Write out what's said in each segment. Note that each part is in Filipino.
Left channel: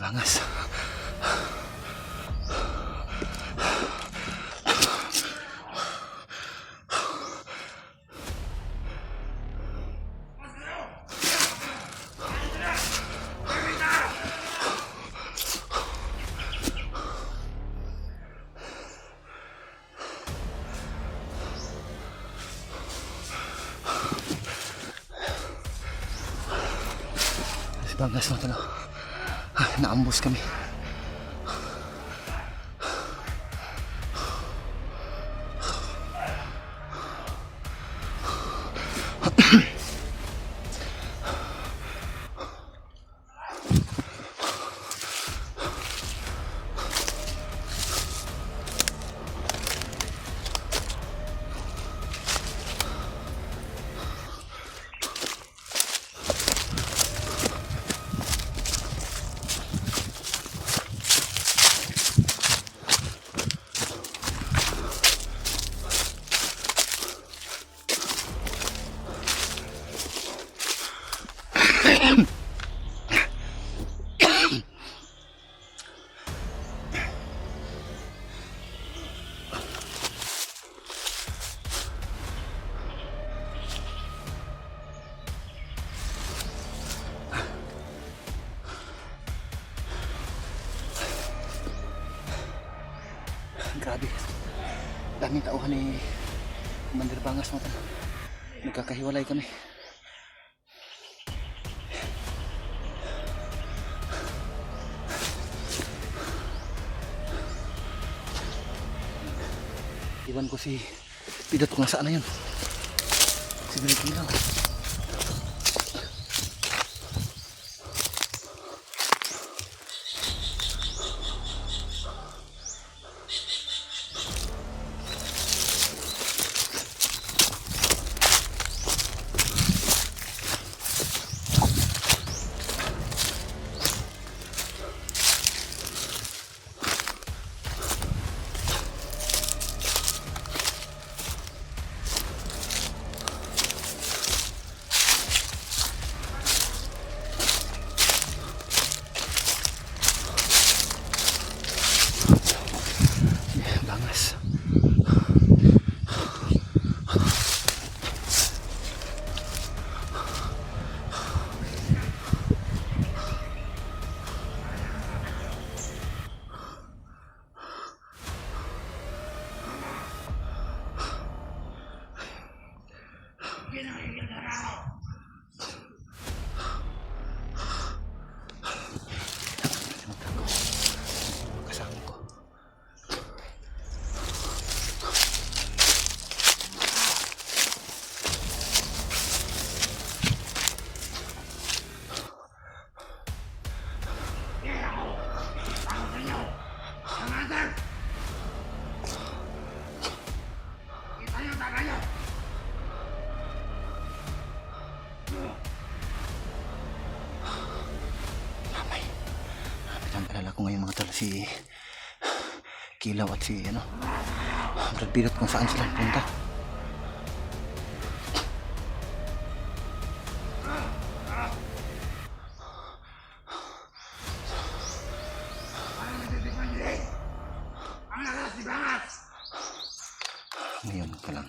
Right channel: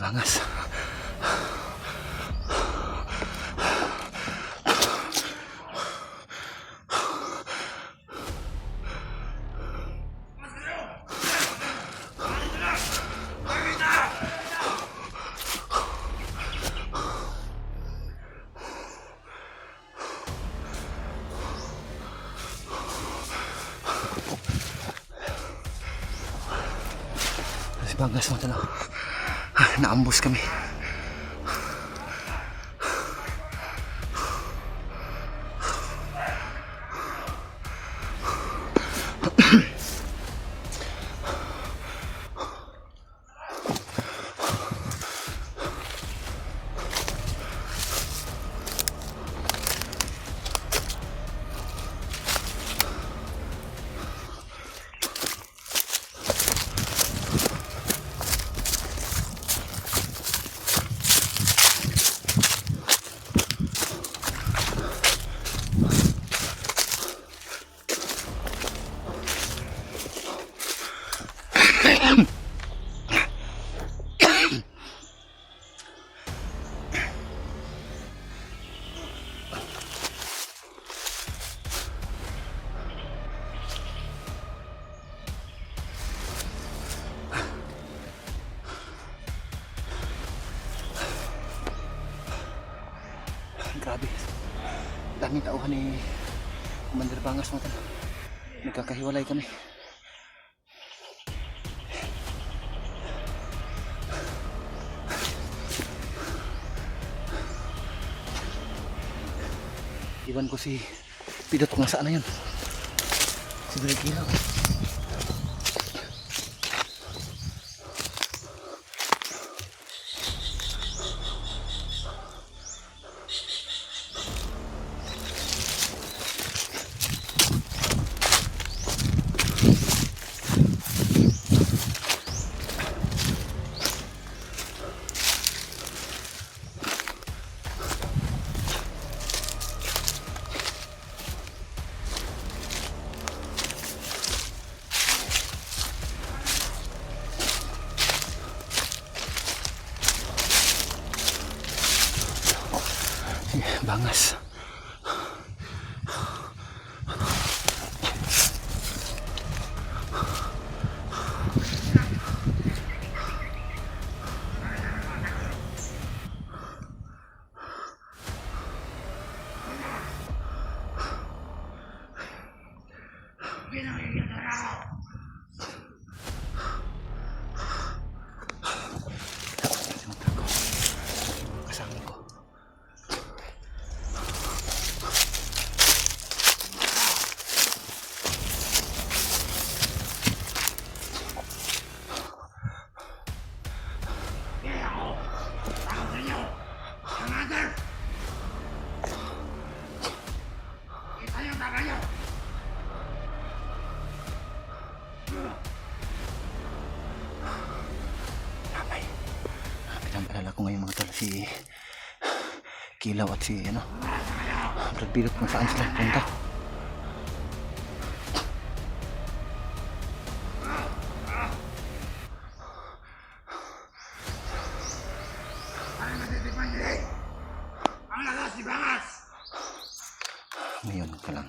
Bangas. Bangas mo talo. Naambus kami. Grabe. Daming tauhan ni Commander Bangas mo talo. Nagkakahiwalay kami. Iwan ko si Pidot kung saan na yun. Si Birigilaw. Bangas. Kasama ko. Pinag-alala ko ngayon mga tol, si Kilaw at si Brad Pilot kung saan sila punta. Ngayon ka lang.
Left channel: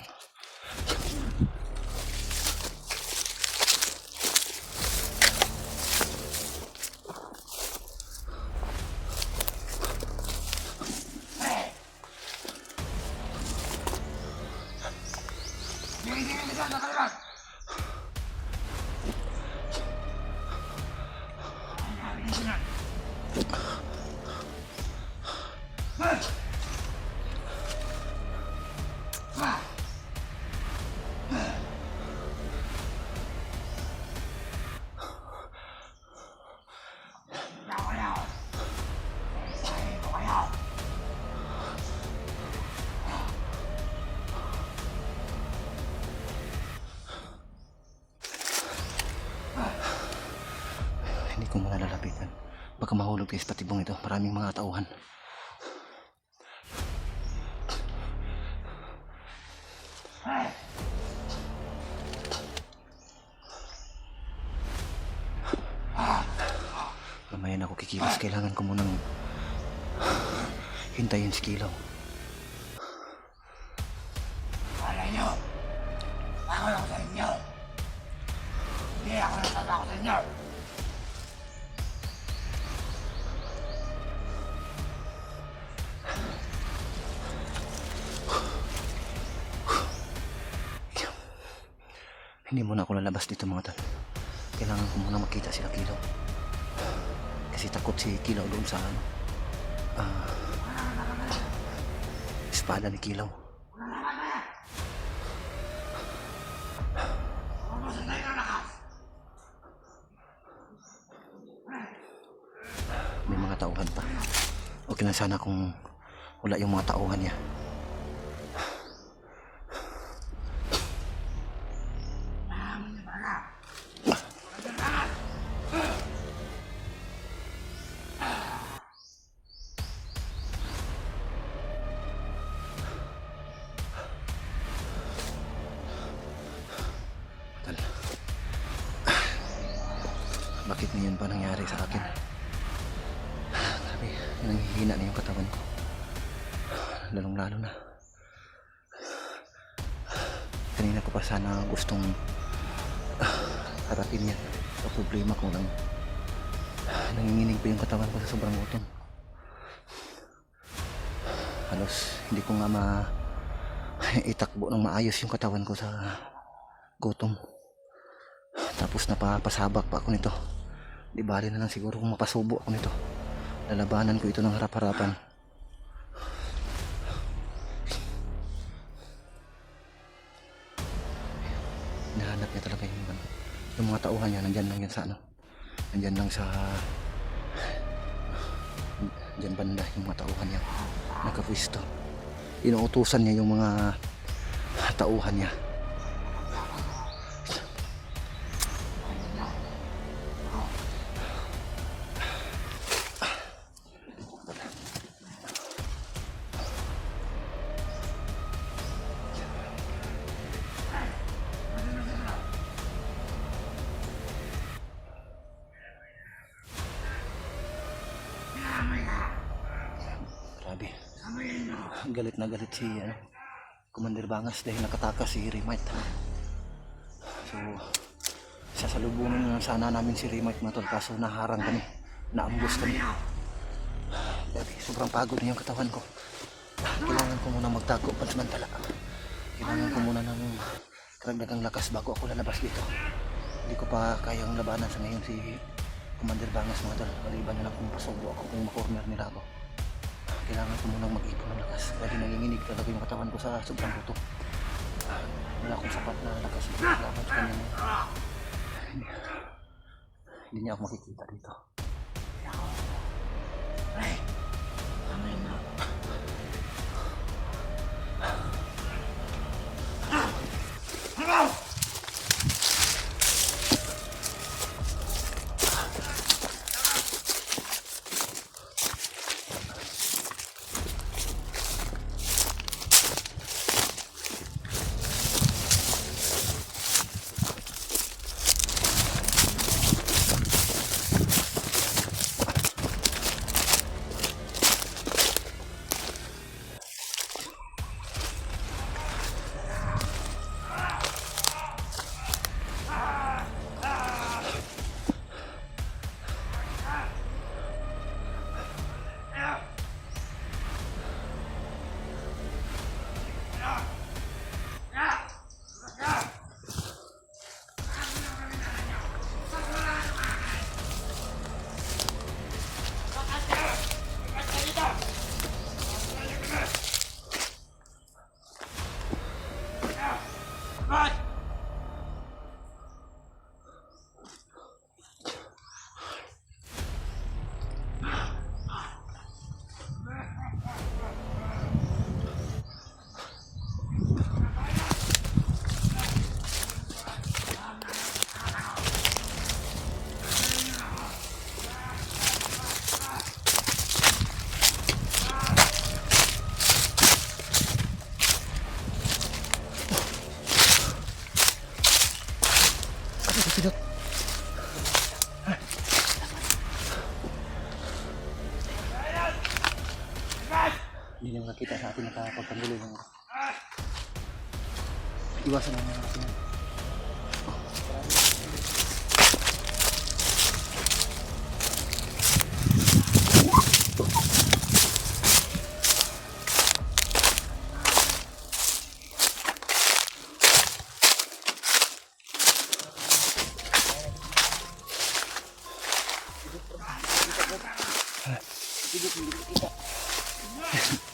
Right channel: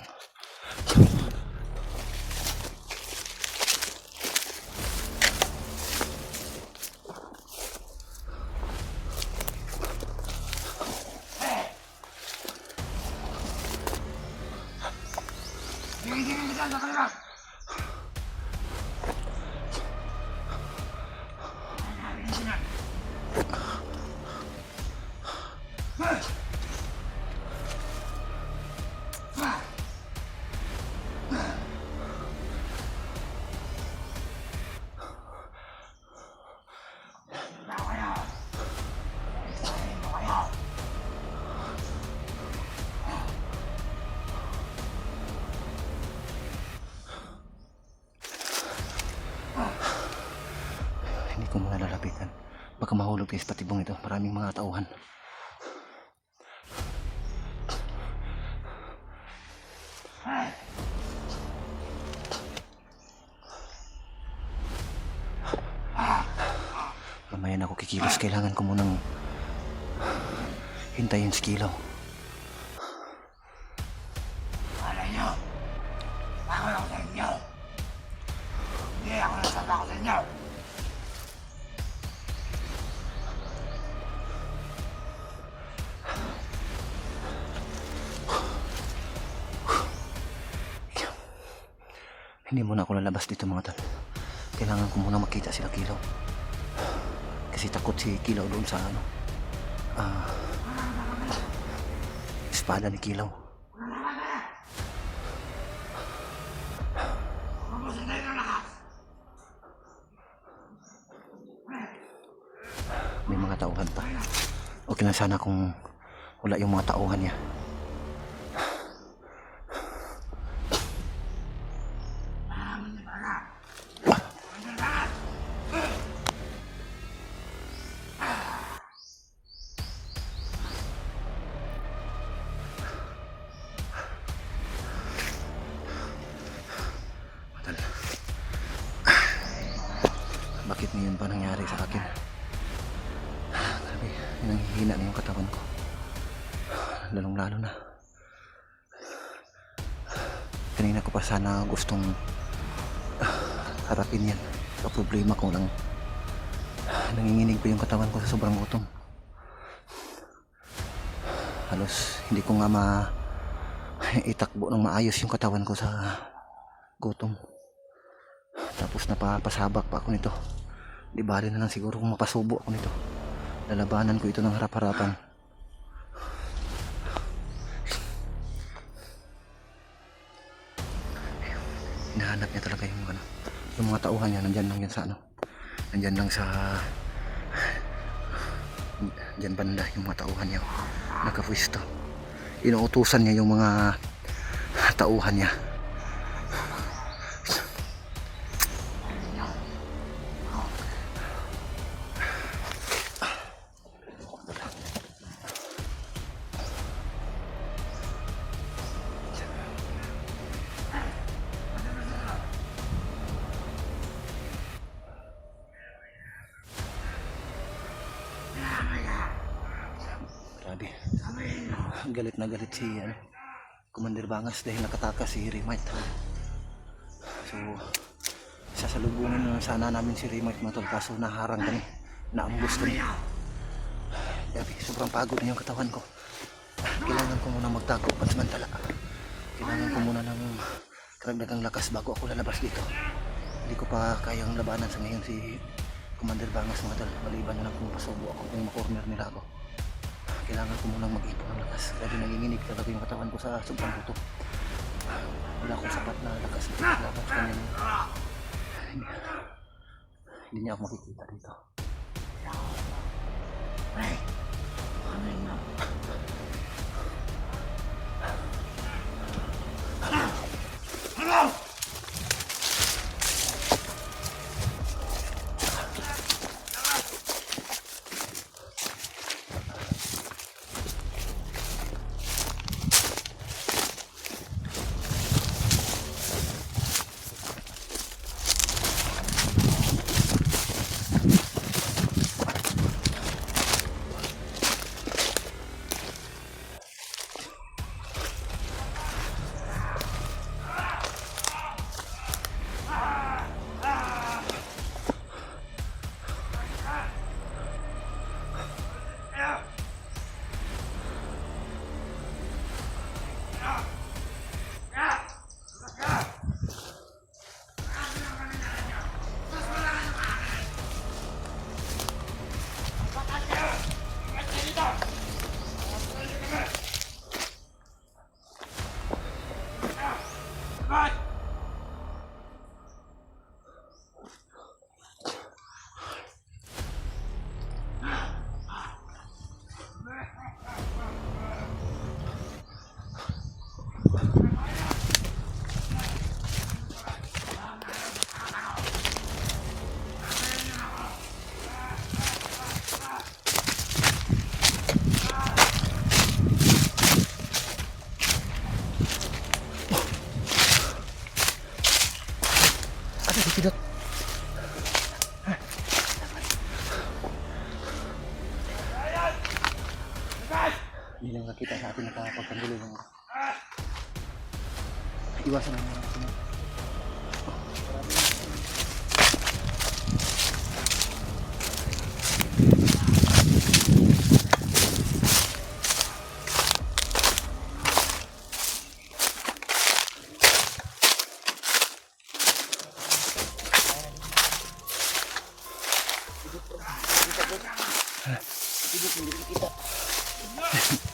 Hindi ko muna lalapitan. Baka mahulog tayo sa patibong ito. Maraming mga tauhan. Mamaya na ako kikilos. Kailangan ko munang hintayin si Kilaw. Alam nyo, ako lang sa inyo. Hindi ako natatakot sa inyo. Hindi muna ako lalabas dito mga tol. Kailangan ko muna makita sila Kilaw. Kasi takot si Kilaw doon sa ano, espada ni Kilaw. May mga tauhan pa. Okay na sana kung wala yung mga tauhan niya. Bakit ngayon pa nangyari sa akin? Grabe, nanghihina na yung katawan ko. Lalong lalo na. Kanina ko pa sana gustong harapin yan. Ang problema ko lang, nanginginig pa yung katawan ko sa sobrang gutom. Halos hindi ko nga itakbo ng maayos yung katawan ko sa gutom. Tapos napapasabak pa ako nito. Di bali na lang siguro kung mapasubo ako nito. Lalabanan ko ito ng harap-harapan. Hinahanap niya talaga yung mga tauhan niya. Nandyan lang yan sa ano. Nandyan lang sa dyan banda yung mga tauhan niya. Nakapwisto. Inuutusan niya yung mga tauhan niya. Grabe. Galit na galit si Commander Bangas dahil nakatakas si Remite. So sasalubungin na sana namin si Remite mga tol, kaso naharang kami, naambus kami. Grabe, sobrang pagod na yung katawan ko. Kailangan ko muna magtago pansamantala. Kailangan ko muna ng karagdagang lakas bago ako lalabas dito. Hindi ko pa kayang labanan sa ngayon si Commander Bangas mga tol. Maliban na lang kung pasubo ako, kung makorner nila ako. Kailangan ko munang mag-ipon ng lakas. Grabe, nanginginig talaga yung katawan ko sa sobrang gutom. Wala akong sapat na lakas dito laban sa kanya. Hindi niya ako makikita dito. Ay. hindi lang nakita sa atin nakapagpanggulo ng iwasan lang natin.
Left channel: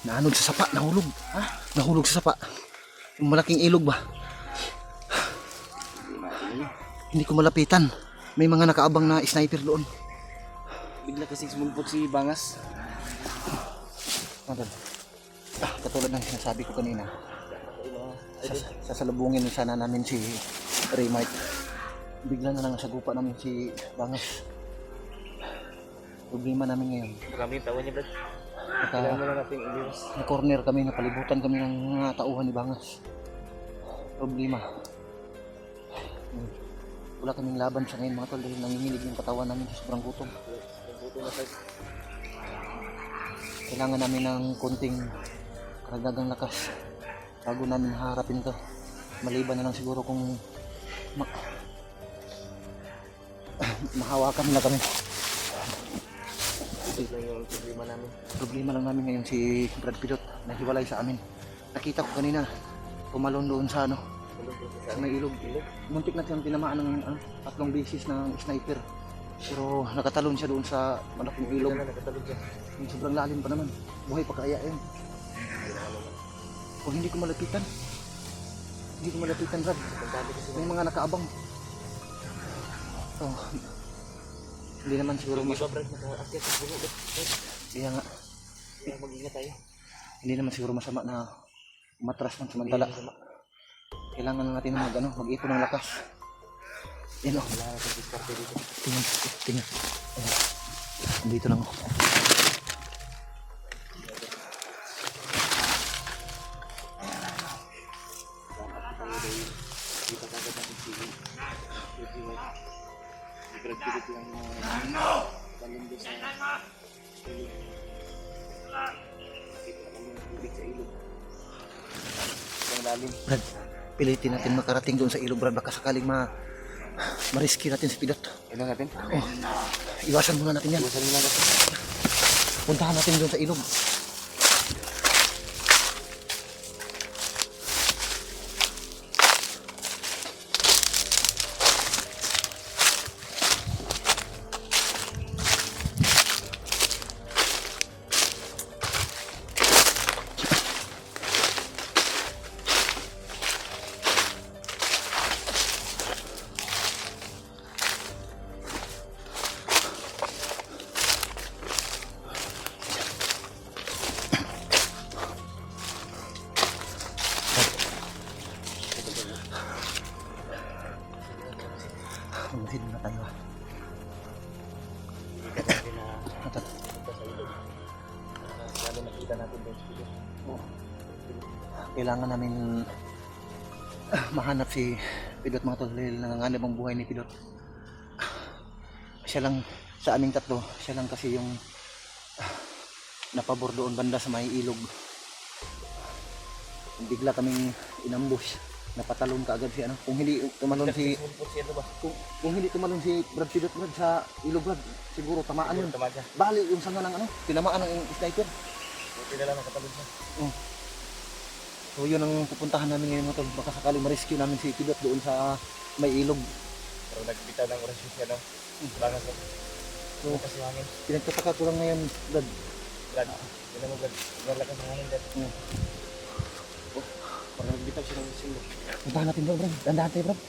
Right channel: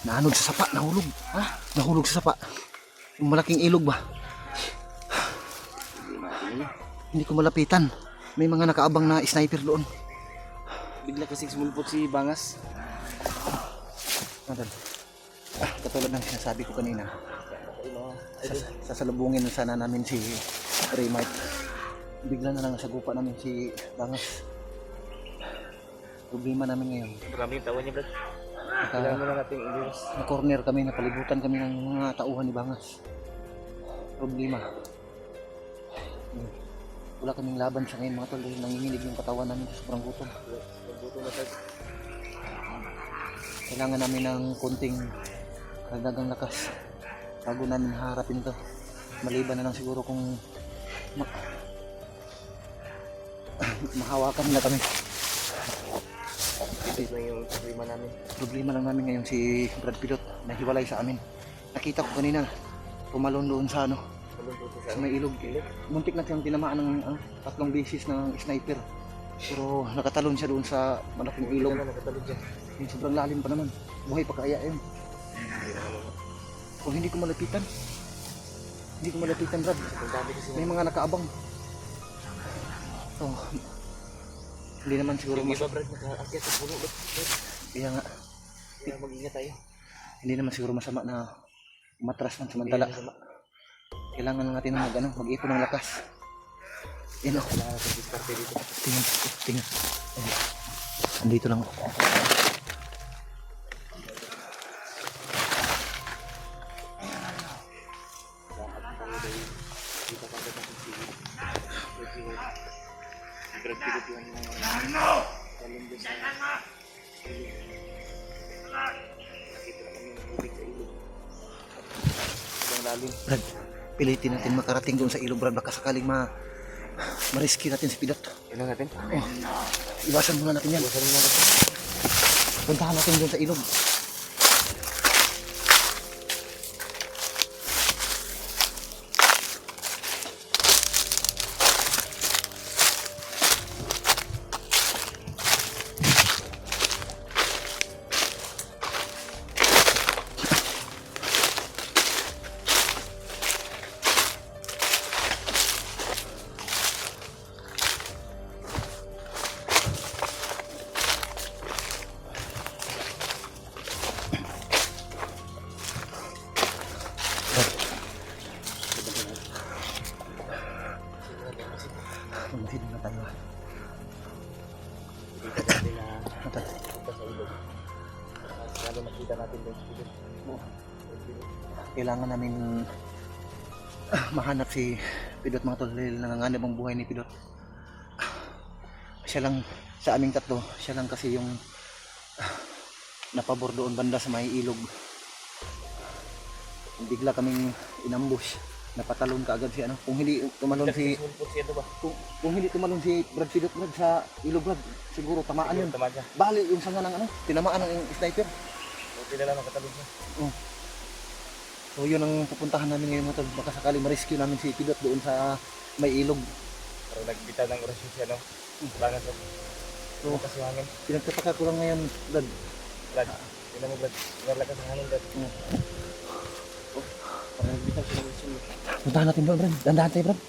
Naanod sa sapa, nahulog. Ha? Nahulog sa sapa. Yung malaking ilog ba? Hindi ko malapitan. May mga nakaabang na sniper doon. Bigla kasi sumulpot si Bangas. Madal. Katulad ng sinasabi ko kanina. Sasalubungin sana namin si Raymart. Bigla na lang nasagupa namin si Bangas. Problema namin ngayon. Maraming tawa niya, Brad. Kailangan mo na natin i-virus. Na-corner kami, napalibutan kami ng mga tauhan ni Bangas. Problema. Wala kaming laban sa ngayon mga tol dahil nanginginig yung katawan namin sa sobrang gutom. Nagbuto na tayo. Kailangan namin ng konting karagdagang lakas bago namin haharapin to. Maliban na lang siguro kung mahawakan na kami. Ito lang yung problema namin. Problema lang namin ngayon si Brad Pilot na hiwalay sa amin. Nakita ko kanina tumalon doon sa sa may ilog. Muntik na siyang tinamaan ng 3 beses ng sniper. Pero nakatalon siya doon sa malaking ilog. Nakatalog siya. Yung sobrang lalim pa naman. Buhay pa kaya yun. Kung hindi ko malapitan. Hindi ko malapitan, Brad. May mga nakaabang. Oh. Hindi naman siguro Mas Brad, nakaakyat sa puno. Kaya nga, Kaya mag-ingat tayo. hindi naman siguro masama na umatras man samantala. Kailangan natin mag-ipon ng lakas. Yan o. Kailangan natin diskarte dito. Tingnan. Ayan. Andito lang ako. Brad, pilitin natin makarating doon sa ilog, Brad. Baka sakaling mariski natin si Pilot. Kailangan natin? Oh, iwasan muna natin yan. Puntahan natin doon sa ilog. Magmasid na tayo. Natal. Lalo nakita natin doon sa video. Kailangan namin mahanap si Pilot mga tol dahil nanganganib ang buhay ni Pilot. Siya lang sa aming tatlo, siya lang kasi yung napabor doon banda sa may ilog. Bigla kaming inambush. Napatalon ka agad si kung hindi tumalon si kung hindi tumalon si Brad Pilot, Brad, sa ilog, Brad, siguro tamaan yun. Bali yung sanga ng tinamaan ng sniper. Buti na lang nakatalog siya. So yun ang pupuntahan namin ngayon mga tol. Baka sakaling ma-rescue namin si Pilot doon sa may ilog. Pero nagbitaw ng oras siya, no? Bangas na. So Kasi hangin. pinagtataka ko lang ngayon, Brad. Brad, yun mo Brad. Nalakas ang hangin, Brad. Parang nagbitaw siya ng mission. Puntahan natin, Brad. Dandahan tayo, Brad.